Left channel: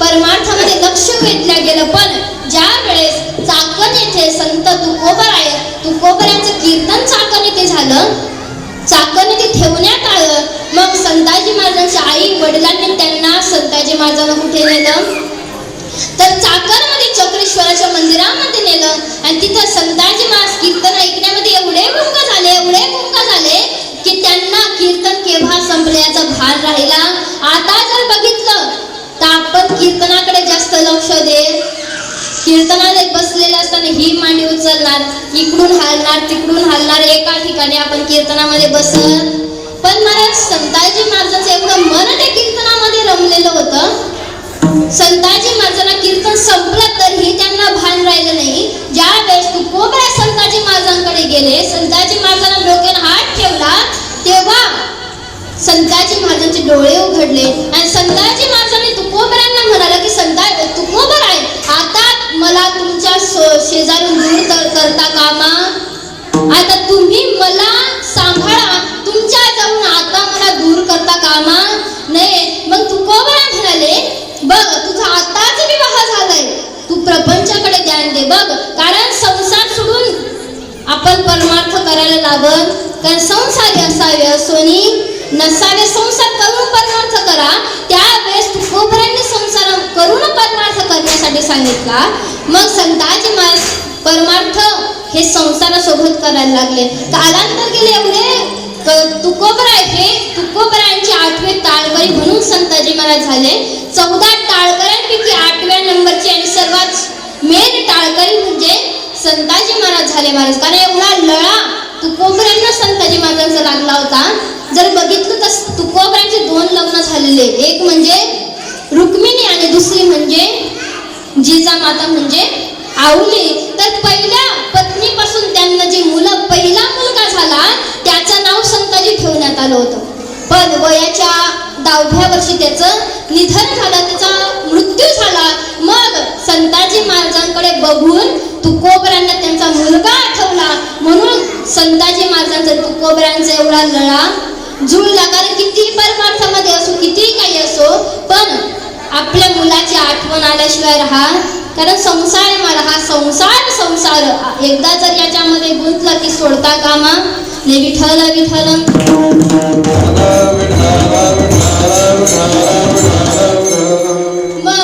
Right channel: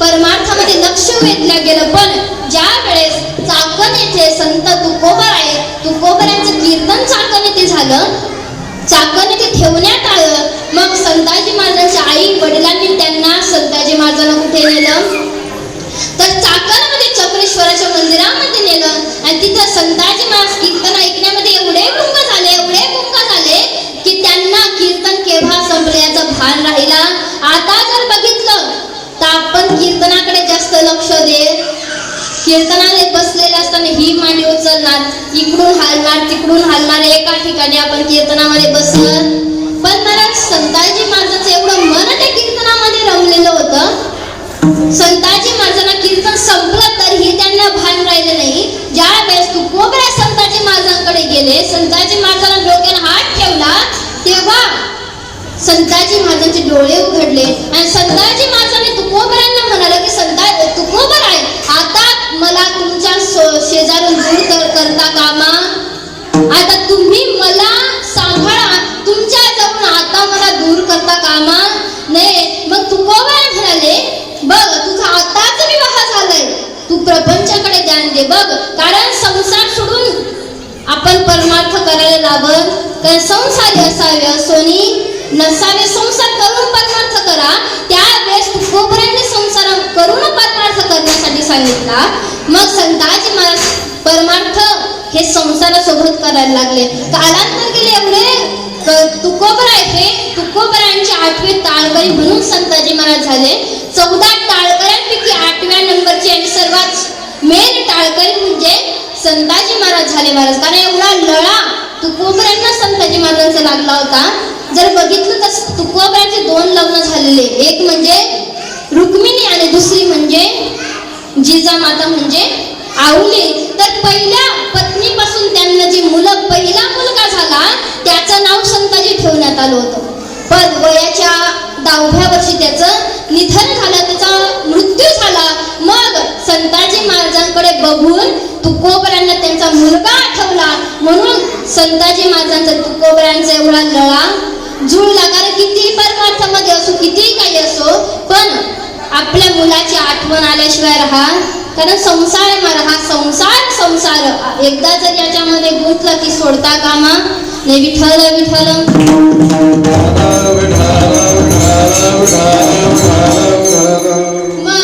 परमार्थामध्ये लक्ष वेधलं गेलं. पण ज्या वेळेस चाकण येथे संत तुकोबरायांचं कीर्तन चाकण येथे झालं, चाकण येथे ठेवण्यात आलं. मग संताजी महाराजांच्या आई वडिलांनी त्यांना संताजी महाराजांना कुठे नेलं तर चाकणमध्ये चक्रेश्वराच्या मंदिरामध्ये नेलं. आणि तिथं संताजी महाराज कीर्तन ऐकण्यामध्ये एवढे गुंग झाले की त्यांना कीर्तन केव्हा संपलं याचं भान राहिला. आता जर बघितलं तर आपण कीर्तनाकडे जास्त लक्ष देत, कीर्तनाने बसलेले असताना ही मांडी उचलणार, इकडून हलणार तिकडून हलणार, एका ठिकाणी आपण कीर्तनामध्ये बसत. पण महाराज संताजी महाराजांचं एवढं मन ते कीर्तनामध्ये रमलेलं होतं. संताजी महाराजांना कीर्तन संपलं तरीही त्यांना भान राहिलं नाही. ज्या वेळेस तुकोबराय संताजी महाराजांकडे गेले, संताजी महाराजांना डोक्यावर हात ठेवला, तेव्हा संताजी महाराजांचे डोळे उघडले आणि संताजी महाराजांनी तुकोबरायांना म्हणाला की तुकोबराय, आता मला तुमच्या शेजारून दूर करता कामा, आता तुम्ही मला सांभाळा, तुमच्या जवळून आता मला दूर करता कामा नाही. मग तुकोबराय म्हणाले, बघ तुझा आताच विवाह झालाय, तू प्रपंचाकडे ध्यान दे बघ. कारण संसार सोडून आपण परमार्थ करायला लागत. कारण संसारी असावे असोनी नसावे, संसार करून परमार्थ करा. त्यावेळेस तुकोबरायांनी संसार करून परमार्थ करण्यासाठी सांगितला. मग संताजी महाराज परमार्थ हे संसारासोबत करायला लागले. कालांतर गेले एवढे तुकोबरायांचे 8वे टाळकरी म्हणून संताजी महाराज झाले. 14 टाळकऱ्यांपैकी 8व्या नंबरचे आणि सर्वात मेन टाळकरी म्हणजे संताजी महाराज झाले. महाराज कारण एवढा लळा तुकोबरायांना संताजी महाराजांचा लागला होता. जर बघितलं तर तुकोबरायांचे 2 लग्न झालेले, एक म्हणजे रुक्मिणी आणि दुसरी म्हणजे जिजामाता म्हणजे आऊली. तर पहिल्या पत्नीपासून त्यांना जी पहिला मुलगा झाला त्याचं नाव संताजी ठेवण्यात आलं होतं. पण वयाच्या 10व्या वर्षी त्याचं निधन झालं, त्याचा मृत्यू झाला. मग संताजी महाराजांकडे बघून तुकोबरायांना त्यांचा मुलगा आठवला. म्हणून संताजी महाराजांचा तुकोबरायांचा एवढा लळा जुळला. कारण किती परमार्थामध्ये असो, किती काही असो, पण आपल्या मुलाची आठवण आल्याशिवाय राहा. कारण संसार आहे मला, हा संसार एकदा जर याच्यामध्ये गुंतला की सोडता कामा नाही. विठ्ठल विठ्ठल. मग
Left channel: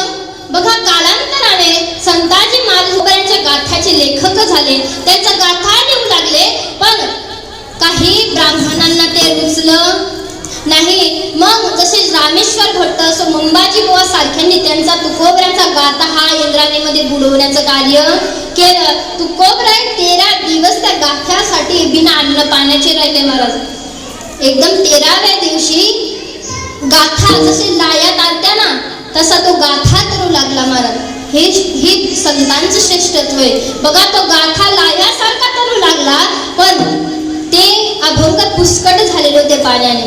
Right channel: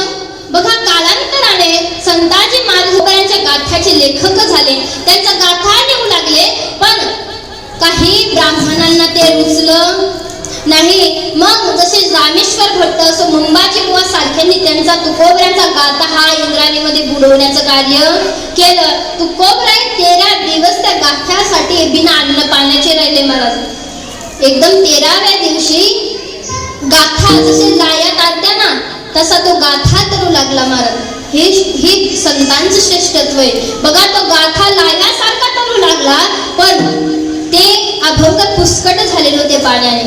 बघा कालांतराने संताजी महाराजांच्या गाथ्याचे लेखक झाले, त्यांचा गाथा लिहू लागले. पण काही ब्राह्मणांना ते रुचलं नाही. मग जसे रामेश्वर भट्ट असो, मुंबाजी बुवा सारख्यांनी त्यांचा तुकोबरायांचा गाथा हा इंद्रायणीमध्ये बुडवण्याचं कार्य केलं. तुकोबराय 13 दिवस त्या गाथ्यासाठी बिना अन्न पाण्याचे राहिले महाराज. एकदम 13व्या दिवशी गाथा जसे लायात आलत्या ना तसा तो गाथा करू लागला महाराज. हे संतांचं श्रेष्ठत्व आहे. बघा तो गाथा लायासारखा करू लागला, पण ते अभंग पुष्कळ झालेले होते पाण्याने.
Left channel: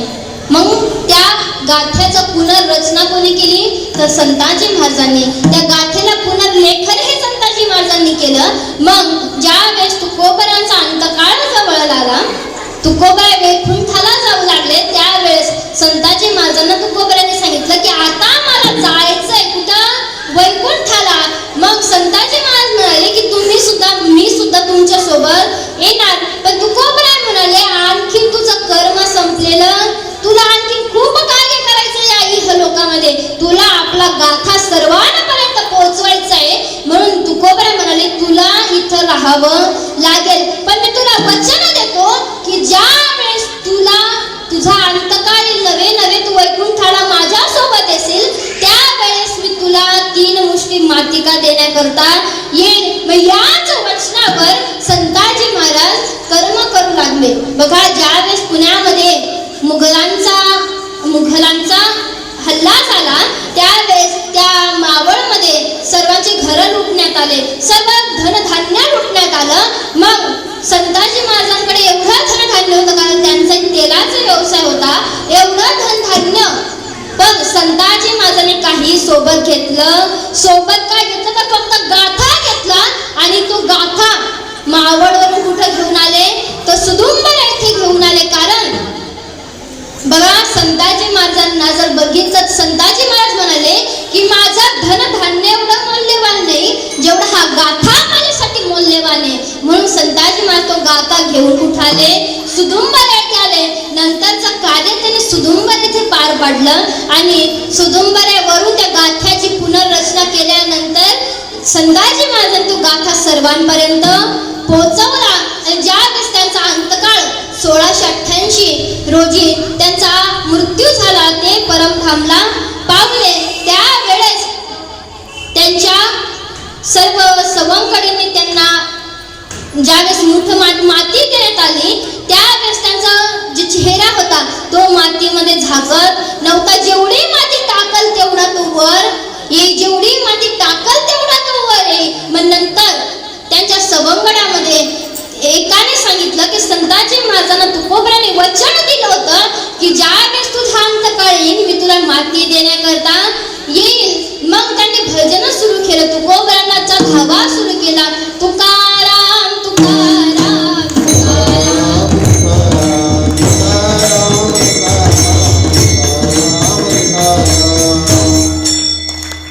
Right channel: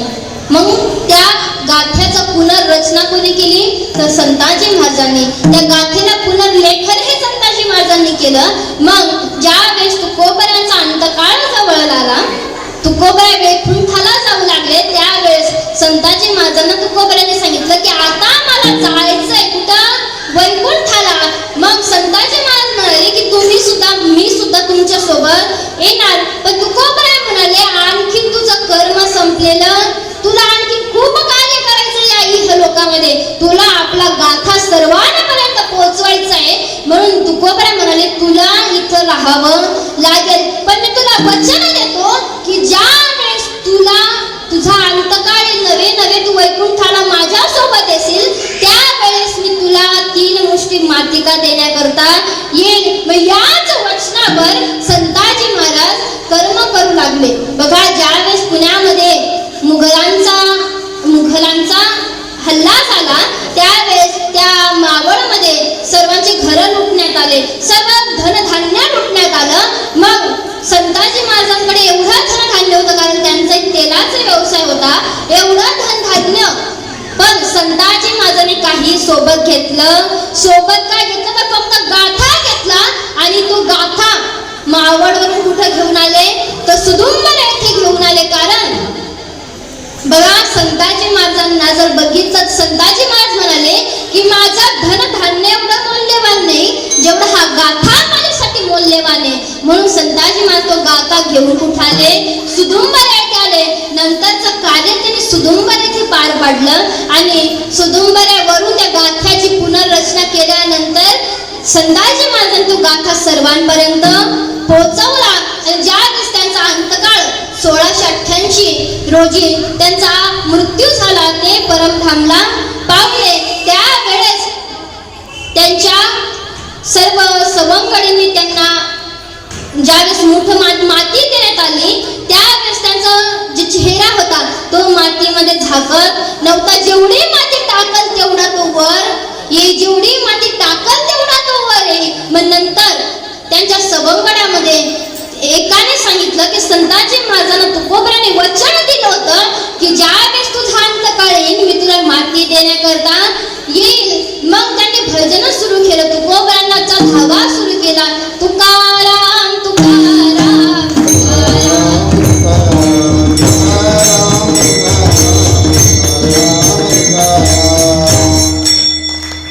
मग त्या गाथ्याचा पुनर्रचना कोणी केली तर संताजी महाराजांनी. त्या गाथेला पुनर्लेखन हे संताजी महाराजांनी केलं. मग ज्या वेळेस तुकोबरायांचा अंतकाळ जवळ आला, तुकोबराय वैकुंठाला जाऊ लागले, त्यावेळेस संताजी महाराजांना तुकोबरायांनी सांगितलं की आता मला जायचंय कुठं वैकुंठाला. मग संताजी महाराज म्हणाले की मी सुद्धा तुमच्या सोबत येणार. पण तुकोबराय म्हणाले आणखी तुझं कर्म संपलेलं, तुला आणखी खूप कार्य करायचं या इहलोकामध्ये, तुला आपला गाथा सर्वांपर्यंत पोहोचवायचा आहे. म्हणून तुकोबराय म्हणाले तुला इथं राहावं लागेल, पण मी तुला वचन देतो की ज्या वेळेस तुझा अंतकाळ नवे तू वैकुंठाला माझ्या सोबत येशील, त्यावेळेस मी तुला 3 मुष्टी मातिका देण्याकरता येईल. याच वचनावर संताजी महाराज कर्म करू लागले. बघा ज्यावेळेस पुण्यामध्ये मुघलांचा हल्ला झाला, त्यावेळेस त्या मावळमध्ये सर्वांची घरं लुटण्यात आले, सर्व धनधान्य लुटण्यात आलं. मग संताजी महाराजांकडे एवढं धनधान्य होतं, कारण त्यांचा तेलाचा व्यवसाय होता, एवढं धनधान्य. पण संताजी महाराजांनी काही सोबत घेतलं, सोबत काय घेतलं तर फक्त गाथा घेतला. आणि तो गाथा मावळवरून कुठं घेऊन आले तर सुदुंबर येथे घेऊन आले. कारण बघा संताजी महाराजांना जर बघितलं, संताजी महाराज म्हणाले की माझा धन संताजी महाराज तो गाथा घेऊन उठाले, सुदुंबर येथे आले. नंतरचं कार्य त्यांनी सुदुंबर येथे पार पाडलं आणि सुदुंबऱ्यावरून त्या गाथ्याची पुनर्रचना केल्यानंतर संताजी महाराजांनी तो गाथा सर्वांपर्यंत पोहोचवला. आणि ज्या वेळेस त्यांचा अंतकाळ 1688 रोजी त्यांचा मृत्यू झाला, ते परमधामला पावले. त्यावेळेस त्यांच्या सर्व सवंगडींनी त्यांना ज्यावेळेस मुठ माती देण्यात आली, त्यावेळेस त्यांचा जे चेहरा होता तो मातीमध्ये झाकत नव्हता. जेवढी माती टाकल तेवढा तो वर येई, जेवढी माती टाकल तेवढा तो वर येई. मग नंतर त्यांच्या सवंगड्यामध्ये एकाने सांगितलं की संताजी महाराजांना तुकोबराने वचन दिलं होतं की ज्यावेळेस तुझा अंतकाळ येईल मी तुला माती देण्याकरता येईल. मग त्यांनी भजन सुरू केलं, तुकोबरांचा धावा सुरू केला. तुकाराम तुकाराम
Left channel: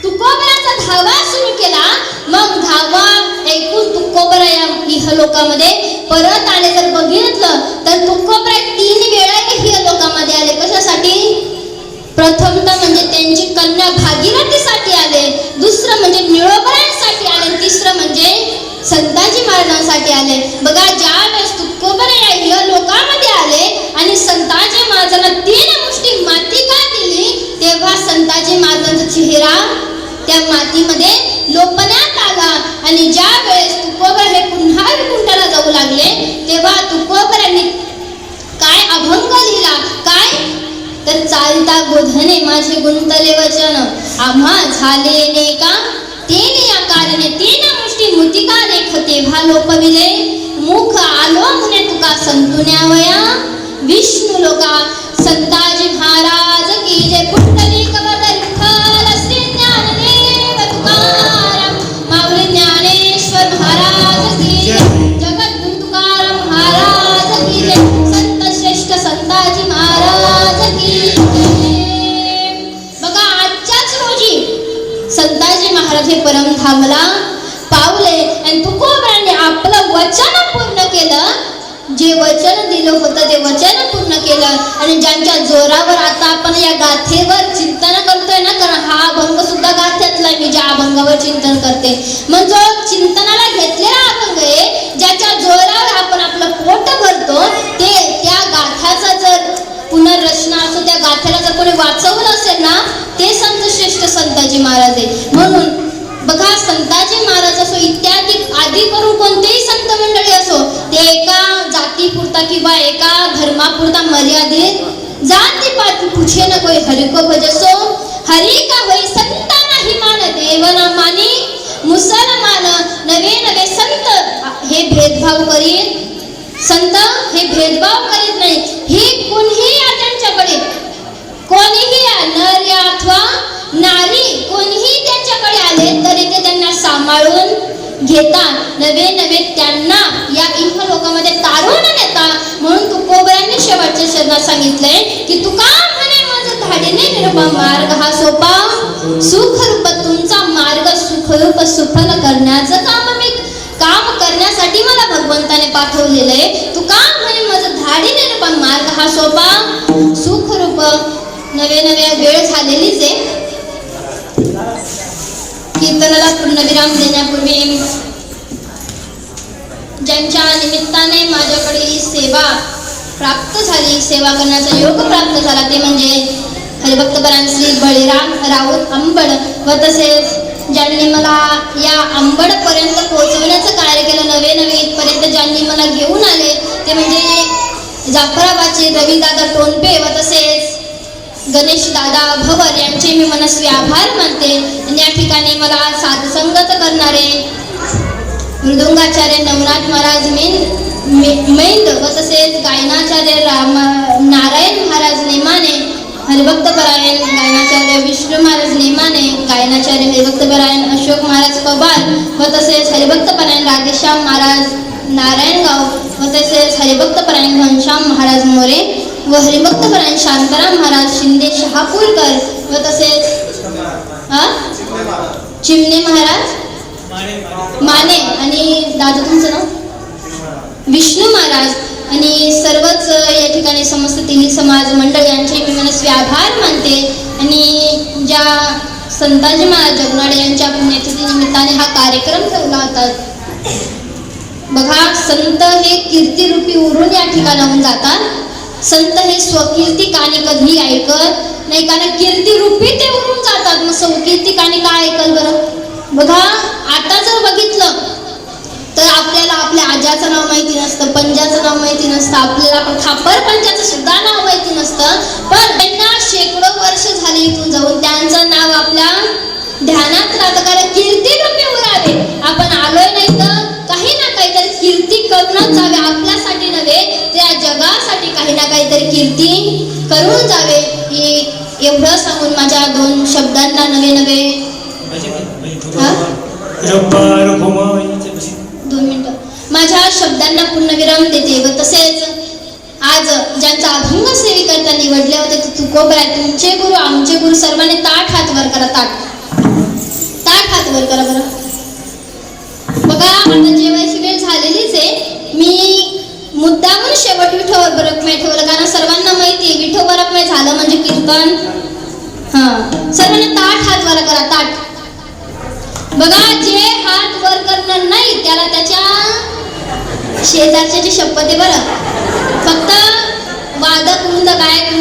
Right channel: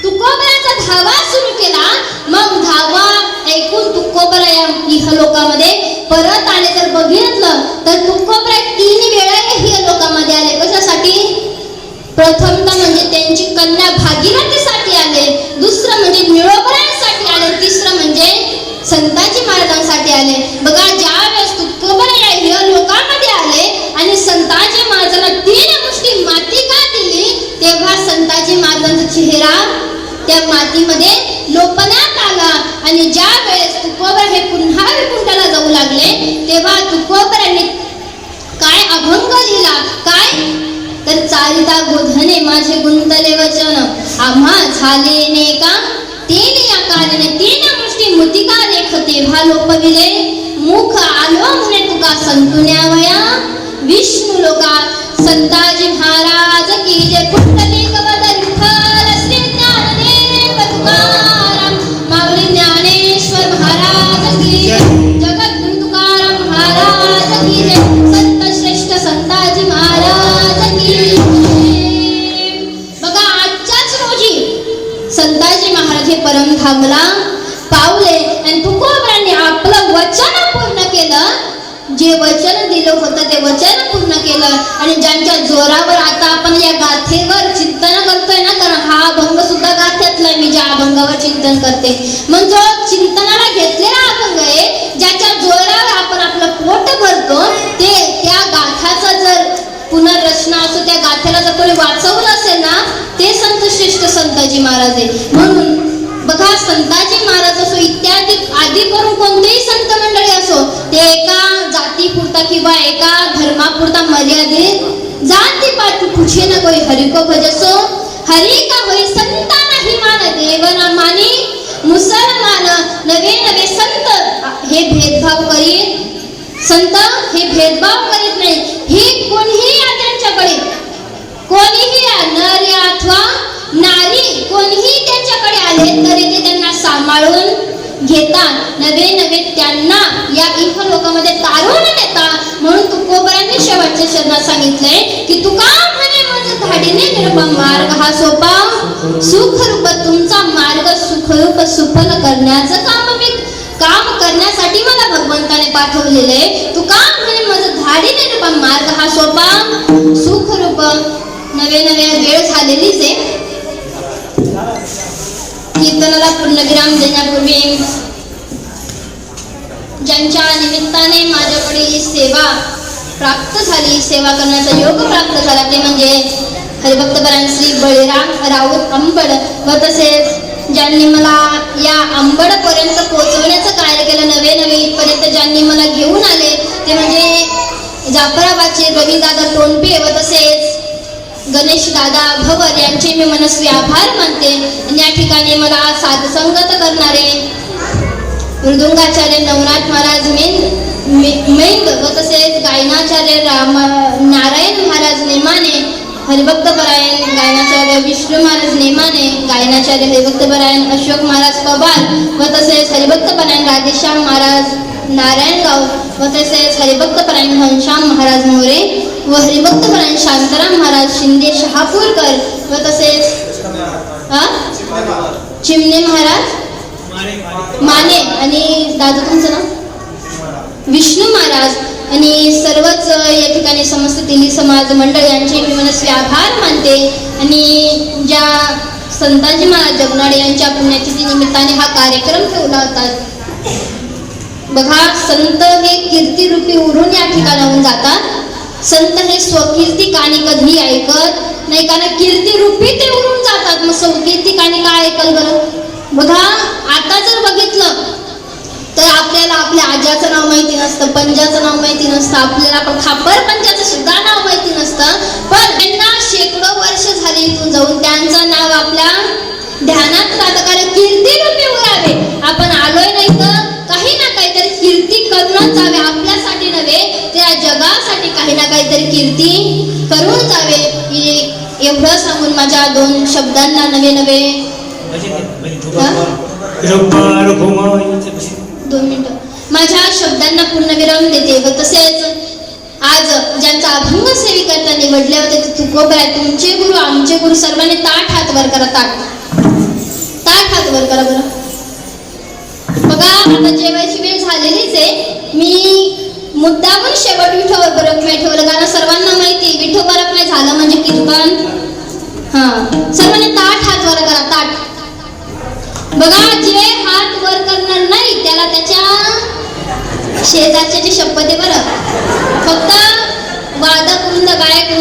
तुकोबरांचा धावा सुरू केला. मग धावा ऐकून तुकोबरा या इहलोकामध्ये परत आले. जर बघितलं तर तुकोबरा 3 वेळा इहलोकामध्ये आले. कशासाठी? प्रथमतः म्हणजे त्यांची कन्या भागीरथीसाठी आले, दुसरं म्हणजे निळोबरांसाठी आले, तिसरं म्हणजे संताजी महाराजांसाठी आले. बघा, ज्या वेळेस तुकोबरा या इहलोकामध्ये आले आणि संताजी महाराजांना 3 मुष्टी माती का दिली, तेव्हा संताजी महाराजांचा चेहरा त्या मातीमध्ये लोपण्यात आला. आणि ज्या वेळेस तुकोबरा हे पुन्हा वैकुंठाला जाऊ लागले, तेव्हा तुकोबरांनी काय अभंग लिहिला? काय तर चारिता गोधने माझे गुंतले वचन, आम्हा झाले नेका 3 या कारणे 3 मुष्टी मुतिका लेख तेव्हा लोपविले, मुख आलो म्हणे तुका संतुन्यावया विष्णू लोका. संताजी महाराज की जय. पुंडलिक वदन विठ्ठल श्री ज्ञानदेव तुकाराम माऊली ज्ञानेश्वर महाराज की जय. जगद्गुरु तुकाराम महाराज की जय. संत श्रेष्ठ संताजी महाराज की जय. बघा, आजच्याच रोजी संताजी महाराज हे परमधामला पावले आणि तुकोबराने आपलं वचन पूर्ण केलं. जे वचन दिलं होतं ते वचन पूर्ण केलं. आणि ज्यांच्या जोरावर आता आपण या गाथेवर चिंतन करतोय ना, कारण हा अभंग सुद्धा गाथ्यातला मी ज्या अभंगावर चिंतन करते, मग जो चिंतनाला घेतलेला अभंग आहे, ज्याच्या जोरावर आपण आपलं पोट भरतो, ते त्या गाथाचा जर पुनर्रचना असो, त्या गाथेला जर कोणी वाचवलं असेल ना, ते संत श्रेष्ठ संताजी महाराज आहे. म्हणून बघा, संताजी महाराज असो इत्यादी आदी करून कोणतेही संत मंडळी असो, ते एका जातीपुरता किंवा एका धर्मापुरता मर्यादित जाती पाती पूछे न कोई हरि को भजसो, हरि का होई संता नाही मान देवना मानी, मुसलमान नवे नवे संत हे भेदभाव करीत, संत हे भेदभाव करीत नाही. ही कोणीही या त्यांच्याकडे, कोणीही या नर या अथवा नारी कोणीही त्यांच्याकडे आले तरी ते त्यांना सांभाळून घेतात, नवे नवे त्यांना या इहलोकामध्ये तारून नेतात. म्हणून तुकोबरांनी शेवटच्या शब्दात सांगितलंय की तुका म्हणे माझं धाडीने निरुपम मार्ग हा सोपा, सुखरूप तुमचा मार्ग सुखरूप सुफल करण्याचं काम करण्यासाठी मला भगवंताने पाठवलेलं आहे. तुका म्हणे माझं धाडीने निरुपम मार्ग हा सोपा, सुखरूप. नव्या नव्या वेळ झालेलीच आहे. कीर्तनाला पूर्णविराम देण्यापूर्वी ज्यांच्या निमित्ताने माझ्याकडे ही सेवा प्राप्त झाली, सेवा करण्याचा योग प्राप्त झाला, ते म्हणजे हरिभक्तपरायण श्री बळीराम राऊत अंबड व तसेच ज्यांनी मला या अंबड पर्यंत पोहोचवण्याचं कार्य केलं, नवे नवे इथपर्यंत ज्यांनी मला घेऊन आले, ते म्हणजे जाफराबादचे रविदादा टोनपे व तसेच गणेश दादा भवर यांचे मी मनस्वी आभार मानते. आणि या ठिकाणी मला साधसंगत करणारे मृदुंगाचार्य नवनाथ महाराज मैंद व तसेच गायनाचार्य नारायण महाराज नेमाने, हरिभक्तपरायण गायनाचार्य विष्णू महाराज नेमाने, गायनाचार्य हरिभक्तपरायण अशोक महाराज कबाल व तसेच हरिभक्तपरायण राधेश्याम महाराज नारायणगाव व तसेच हरिभक्तपरायण घनश्याम महाराज मोरे व हरिभक्तपरायण शांताराम महाराज शिंदे शहापूरकर व तसेच चिमणे महाराज माने आणि दादा तुमचं नाव विष्णू महाराज आणि सर्वच या ठिकाणी समस्त तिली समाज मंडळ यांचे मी मनस्वी आभार मानते. आणि ज्या संताजी महाराज जगनाडे यांच्या पुण्यतिथी निमित्ताने हा कार्यक्रम ठेवला होता. बघा, संत हे कीर्तिरूपी उरून या ठिकाणाहून जातात. संत हे स्वकीर्ती कानी कधी ऐकत नाही, कारण कीर्तिरूपी ते उरून जातात. मग स्वकीर्ती कानी काय ऐकल बरं? बघा, आता जर बघितलं तर आपल्याला आपल्या आज्याचं नाव माहिती नसतं, पंजाचं नाव माहिती नसतं, आपल्याला खापर पंजाचं सुद्धा नाव माहिती नसतं. पण त्यांना शेकडो वर्ष झाली इथून जाऊन त्यांचं नाव आपल्या ध्यानात राहतं. कारण कीर्तिरूपी उरावे. आपण आलोय नाही तर काही ना काहीतरी कीर्ती करूनच जावे. आपल्यासाठी नव्हे, त्या जगासाठी काही ना काहीतरी कीर्ती करून जावे. एवढं सांगून माझ्या 2 शब्दांना नवे 2 मिनिटं माझ्या शब्दांना पूर्णविराम देते. व तसेच आज ज्यांचा अभंग सेविकर्ता निवडले होते ते तुकोबा, तुमचे गुरु आमचे गुरु, सर्वांनी ताट हात वर करा. ताट हात वर करा बरं. बघा, आता जेवायची वेळ झालेलीच आहे. मी मुद्दामून शेवट विठोबा बरकमे ठेवलं, कारण सर्वांना माहिती विठोबा बरकमे झालं म्हणजे कीर्तन. सर्वांनी ताट हात वर करा. ताट. बघा, जे हात वर करणार नाही त्याला त्याच्या शेजारची शपथ आहे बरं. फक्त वादक वृंद गायक